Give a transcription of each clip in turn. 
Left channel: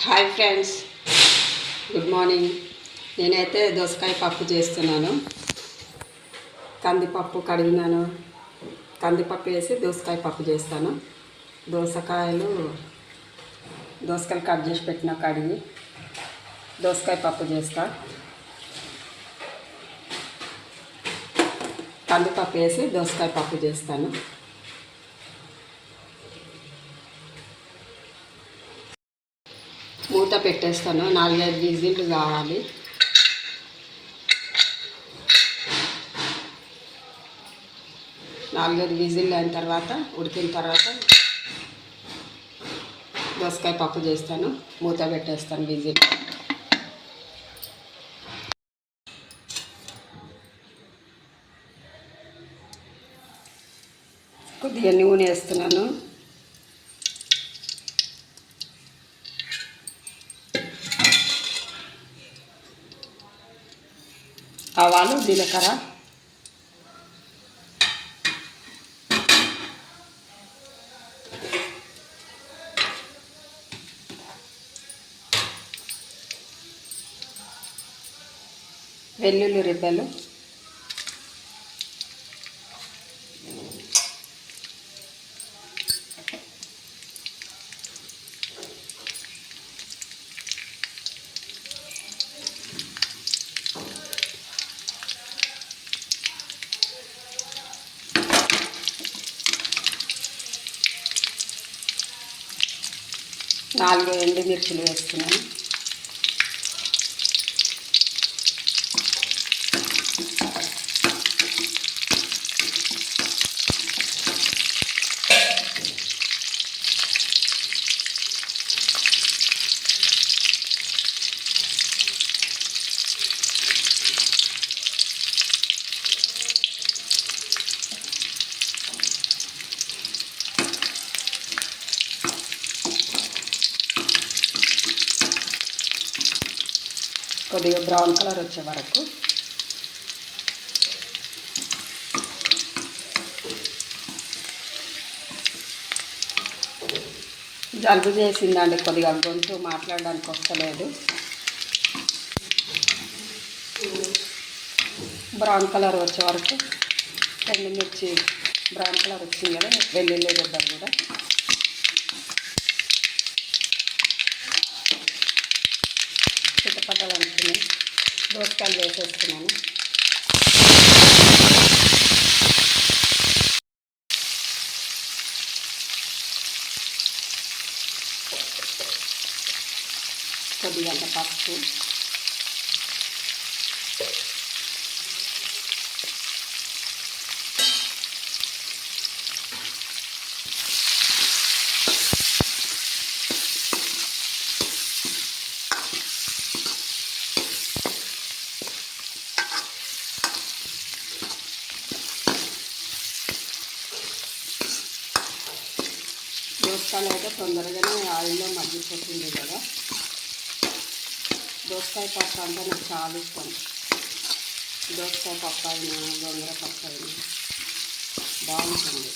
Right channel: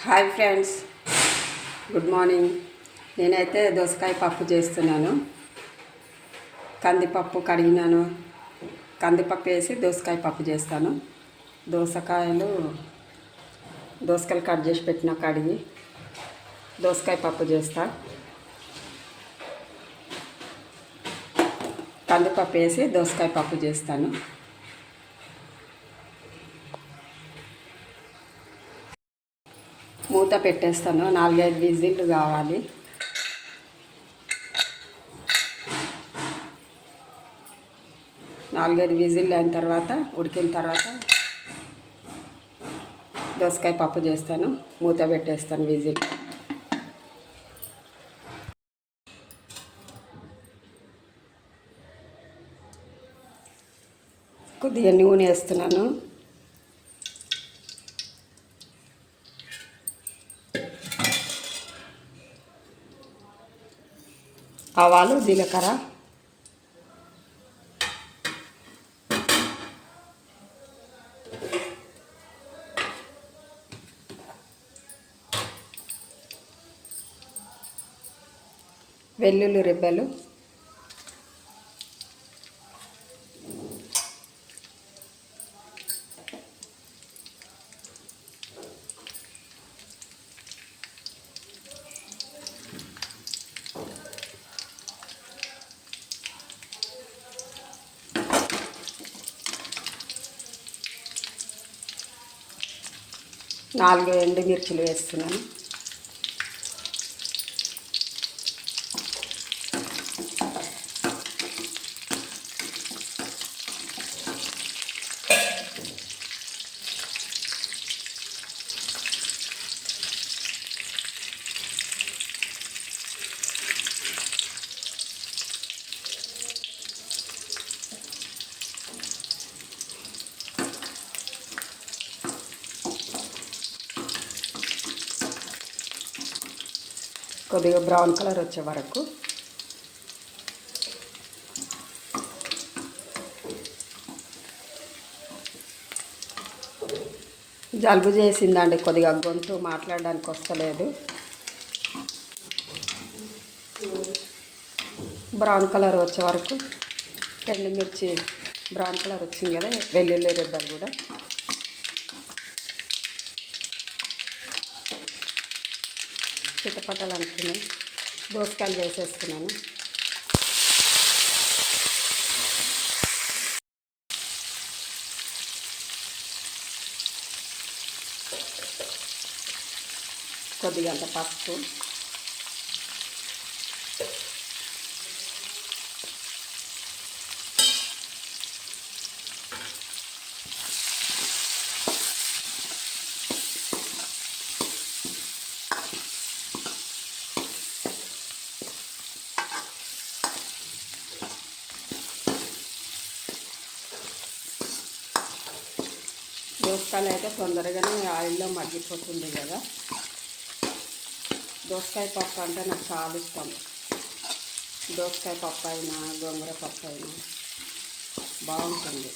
Hi friends. Good morning. నేనైతే దోసకాయ పప్పు చేస్తున్నాను. కందిపప్పు కడిగినాను. కందిపప్పు వేసి దోసకాయ పప్పు చేస్తాను. దోసకాయలు దోసకాయలు కట్ చేసి పెట్టిన కడిగి దోసకాయ పప్పు చేస్తా. కందిపప్పు వేసి దోసకాయ పప్పు చేస్తాను. మూత పెట్టేస్తాను. నాలుగైదు విజిల్లు కావాలి. నాలుగైదు విజిల్లు అయిన తర్వాత ఉడికిన తర్వాత దోసకాయ పప్పు చేస్తాను. మూత పెట్టేస్తాను విజిల్ కొద్దిగా నూనె వేస్తున్నాను. ఆవాలు జీలకర్ర. వెల్లుల్లి రిబ్బలు. నాలుగు ఎండుమిర్చిలు వేస్తున్నాను. కొద్దిగా బ్రౌన్ కలర్ వచ్చే వరకు. జలుబు చేసిందండి కొద్దిగా గొంతు మాట్లాడడానికి వస్తలేదు. బ్రౌన్ కలర్ వచ్చే వరకు. ఎండుమిర్చి బ్రౌన్ కలర్ వచ్చింది కదా వెల్లుల్లి రెబ్బలు కూడా. టమాటాలు అనుకున్నాను దోసకాయలు వేసేసుకున్నాను కొద్దిగా పప్పు దోసకాయలు అయితే తొందరగానే ఆయిల్లో మగ్గిపోతుంది కదా. దోసకాయ పప్పు అంటే నాకు చాలా ఇష్టం. దోసకాయ పప్పు అయినా గోంగూర పప్పు అయినా బాగుంటుంది.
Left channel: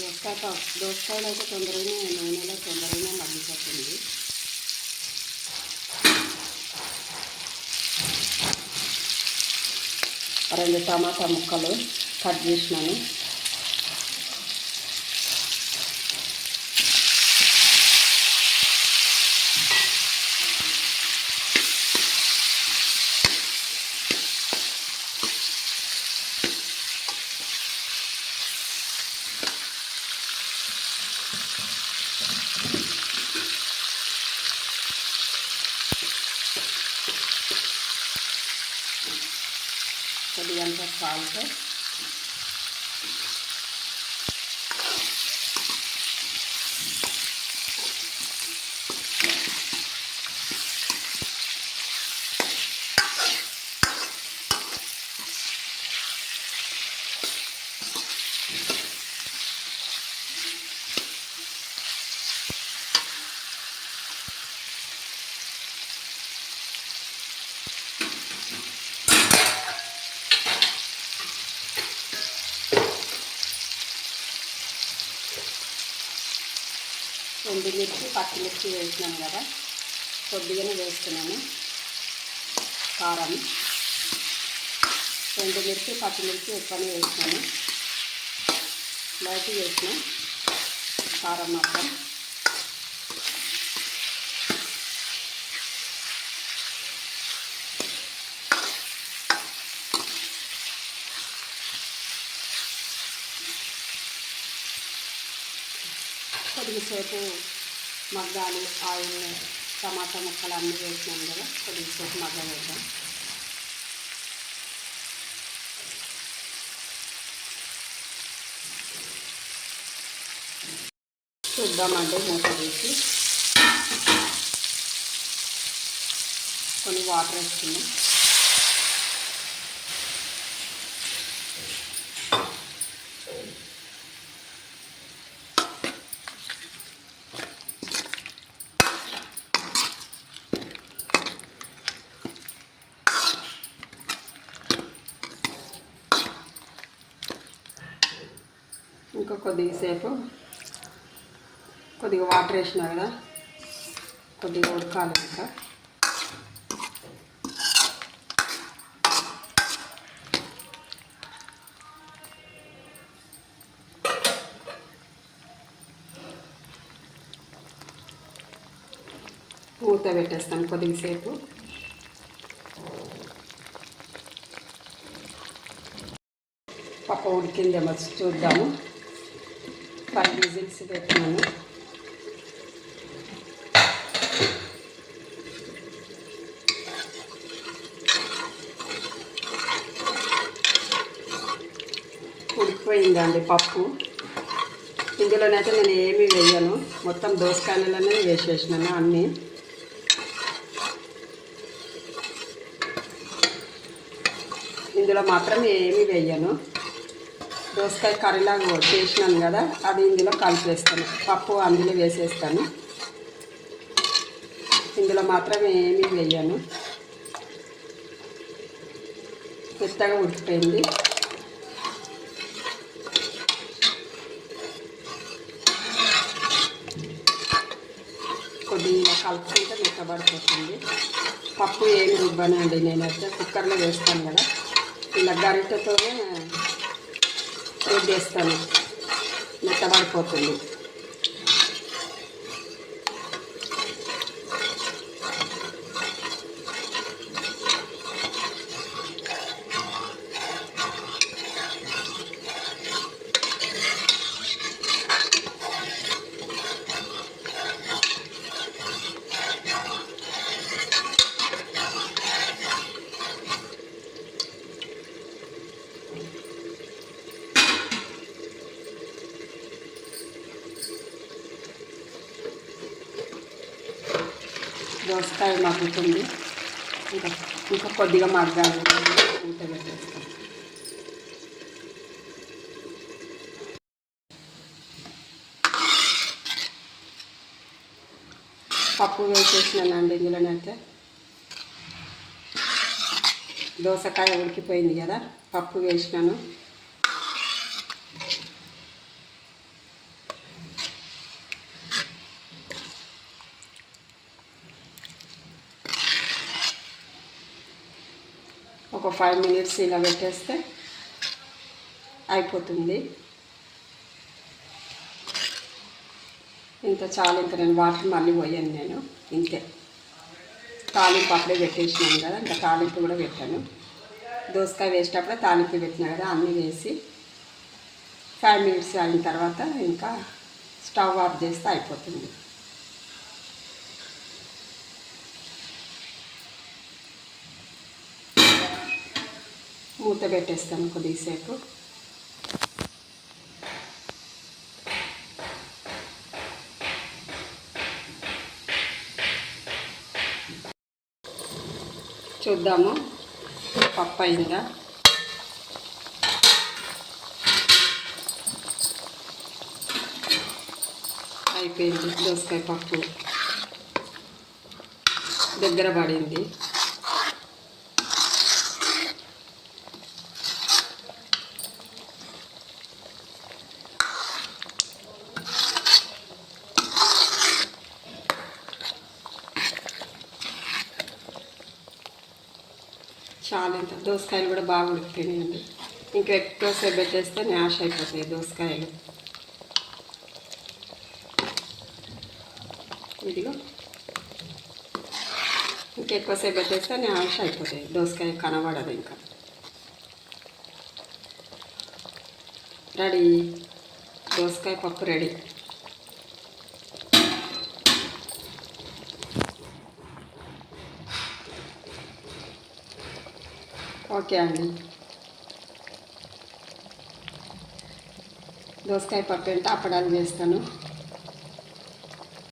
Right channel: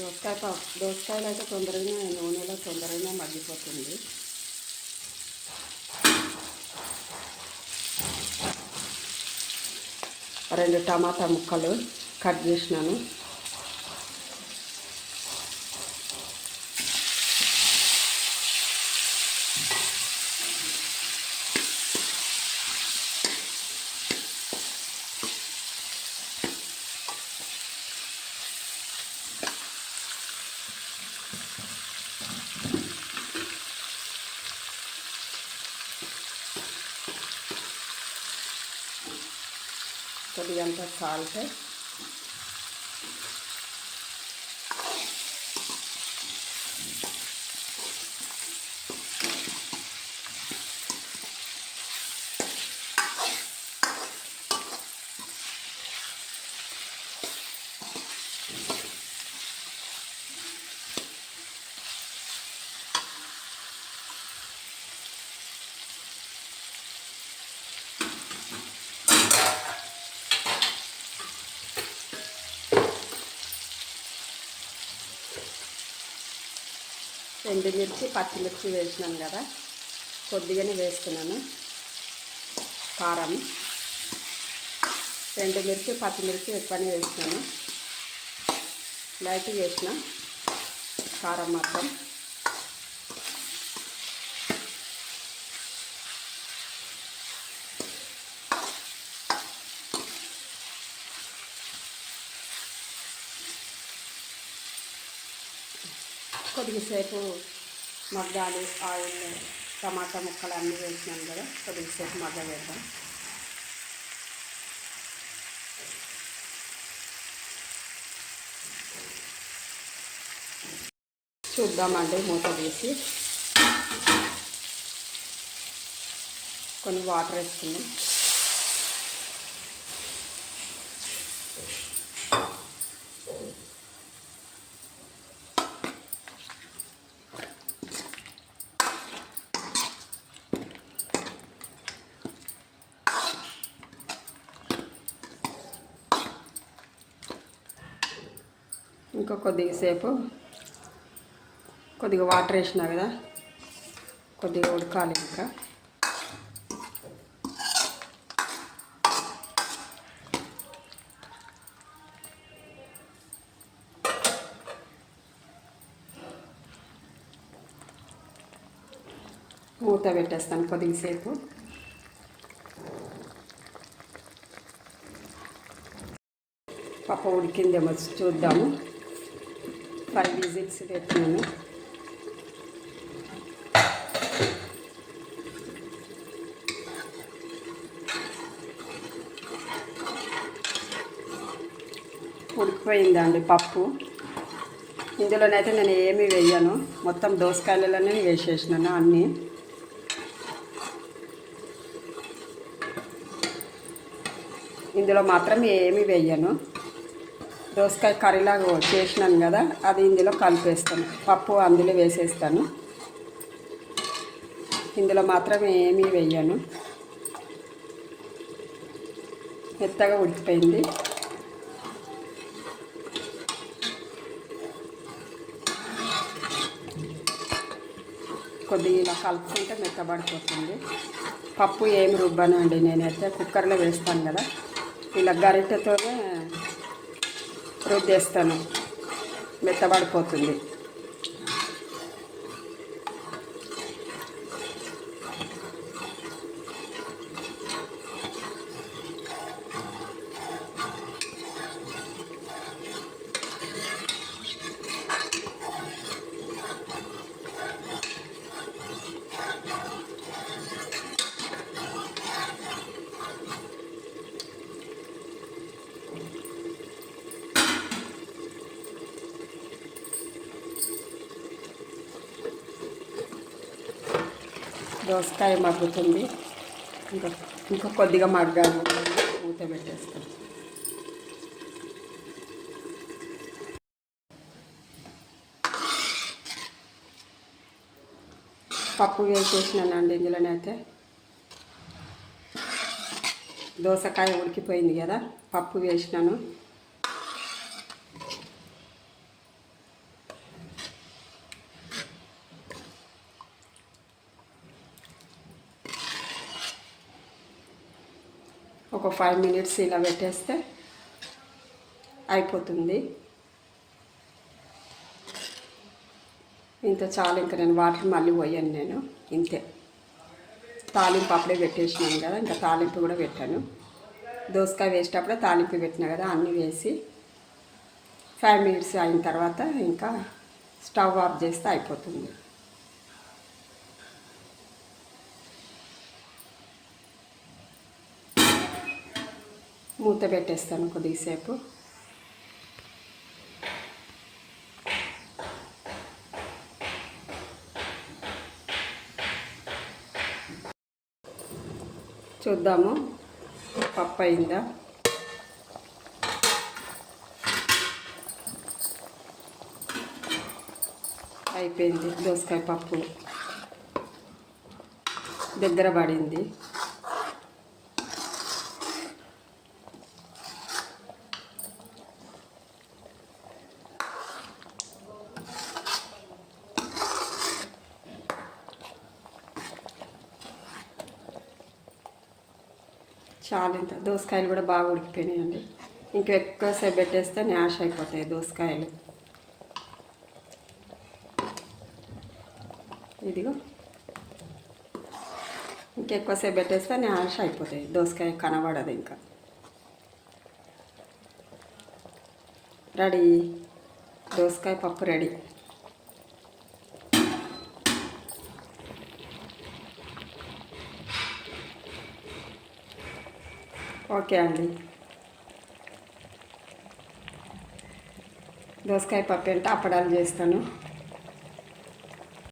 దోసకాయ పప్పు దోసకాయలు అయితే తొందరగానే నూనెలో తొందరగానే మగ్గిపోతుంది. రెండు టమాటా ముక్కలు కట్ చేసినాను. కొద్దిగంత సాల్ట్ ఎండుమిర్చి పచ్చిమిర్చి వేసినాను కదా. కొద్దిగానే వేస్తున్నాను. కారం. ఎండుమిర్చి పచ్చిమిర్చి ఎక్కువనే వేసినాను. లైట్ వేసిన కారం మొత్తం కొద్దిసేపు మగ్గాలి ఆవులు టమాటా ముక్కలు అన్నీ వేసినాం కదా కొద్దిసేపు మగ్గ వేద్దాం చూద్దామండి మూత తీసి. కొన్ని వాటర్ వేసుకుందాం. ఇంకా కొద్దిగా సేపు కొద్దిగా వాటర్ వేసినా కదా కొద్దిగా ఉడకాలి ఇంకా. మూత పెట్టేస్తాను కొద్దిగా సేపు. పప్పు ఉడికిందేమో చూద్దాము. ఫైవ్ విజిట్స్ పెట్టినాను ఉడికిపోయిందండి పప్పు. ఇందులోనైతే నేను ఏమి వేయను. మొత్తం దోసకాయలలోనే వేసేసినాను అన్నీ. ఇందులో మాత్రం ఏమి వేయను. దోసకాయ కర్రీలాగా చేసినాను కదా అది ఇందులో కలిపేస్తాను. పప్పు అందులో వేసేస్తాను. ఇందులో మాత్రం ఏమీ వేయను. మెత్తగా ఉడికిపోయింది. కొద్దిగా ఇలా కలుపుకుంటే మెత్తబడిపోతుంది. పప్పు ఏమి రుబ్బనండి నేనైతే కుక్కర్లో వేస్తాను కదా. ఇలా గరిటెతోనే రుబ్బేస్తాను మెత్తబడిపోతుంది. దోసకాయ మగ్గుతుంది. ఇంకా ఇంకా కొద్దిగా మగ్గాలి. ఊత పెట్టేస్తాం. పప్పు వేసేసినానండి ఇందులోనైతే దోసకాయ ఉడికిపోయింది కదా పప్పు వేసినాను. ఒక ఫైవ్ మినిట్స్ ఇలా పెట్టేస్తే అయిపోతుంది. ఇంత చాలు ఇంత నేను వాటర్ మళ్ళీ పోయాను నేను. ఇంతే. తాలింపు అప్పుడే పెట్టేసినాను కదా ఇంకా తాలింపు కూడా పెట్టాను. దోసకాయ వేసేటప్పుడే తాలింపు పెట్టినా కదా అన్నీ వేసి ఫైవ్ మినిట్స్ అయిన తర్వాత ఇంకా స్టవ్ ఆఫ్ చేస్తే అయిపోతుంది. మూత పెట్టేస్తాను కొద్దిసేపు. చూద్దాము. పప్పు అయిందా? అయిపోయింది దోసకాయ పప్పు. దగ్గర పడింది. చాలా ఇంత దోసకాయలు కూడా బాగా ఉడికిపోయినాయండి ఇంకా ఎక్కువసేపు పెట్టేస్తే న్యాష్ అయిపోతాయి దోసకాయలు. ఇదిగో. ఇంకెక్కువసేపు పెట్టేస్తే న్యాష్ అయిపోతాయి. దోసకాయ కనబడదు ఇంకా. రెడీ. దోసకాయ పప్పు రెడీ. ఓకే అండి. దోసకాయ పప్పు అంటే అప్పడాలు చేస్తాను?